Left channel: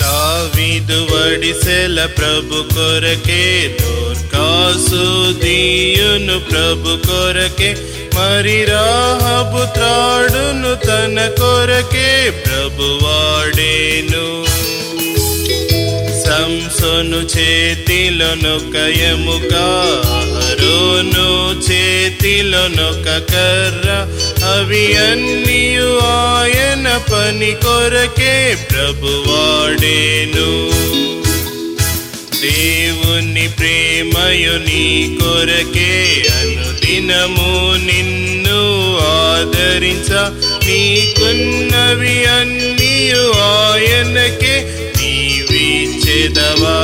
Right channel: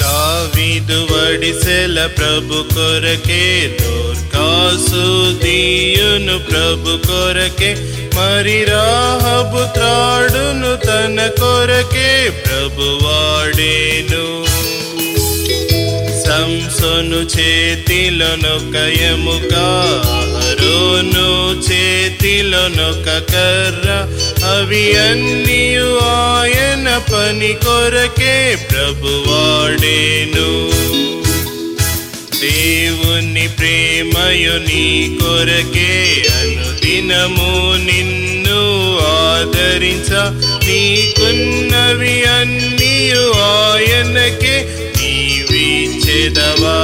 దావీదు వడిసెల ప్రభు కొరకే, దోర్కాసు దీయును ప్రభు కొరకే, మరి రాహబు త్రాడును తన కొరకే ప్రభు వాడేను. సంసోను చేతిలోను కయముక, అహరోను చేతిలోనొక కర్ర, అవి అన్నియు ఆయన పని కొరకే ప్రభు వాడేను. దేవుని ప్రేమయు నీ కొరకే, దినము నిన్ను ఆదరించ, నీకున్నవి అన్నియు ఆయనకే నీవిచ్చెదవా.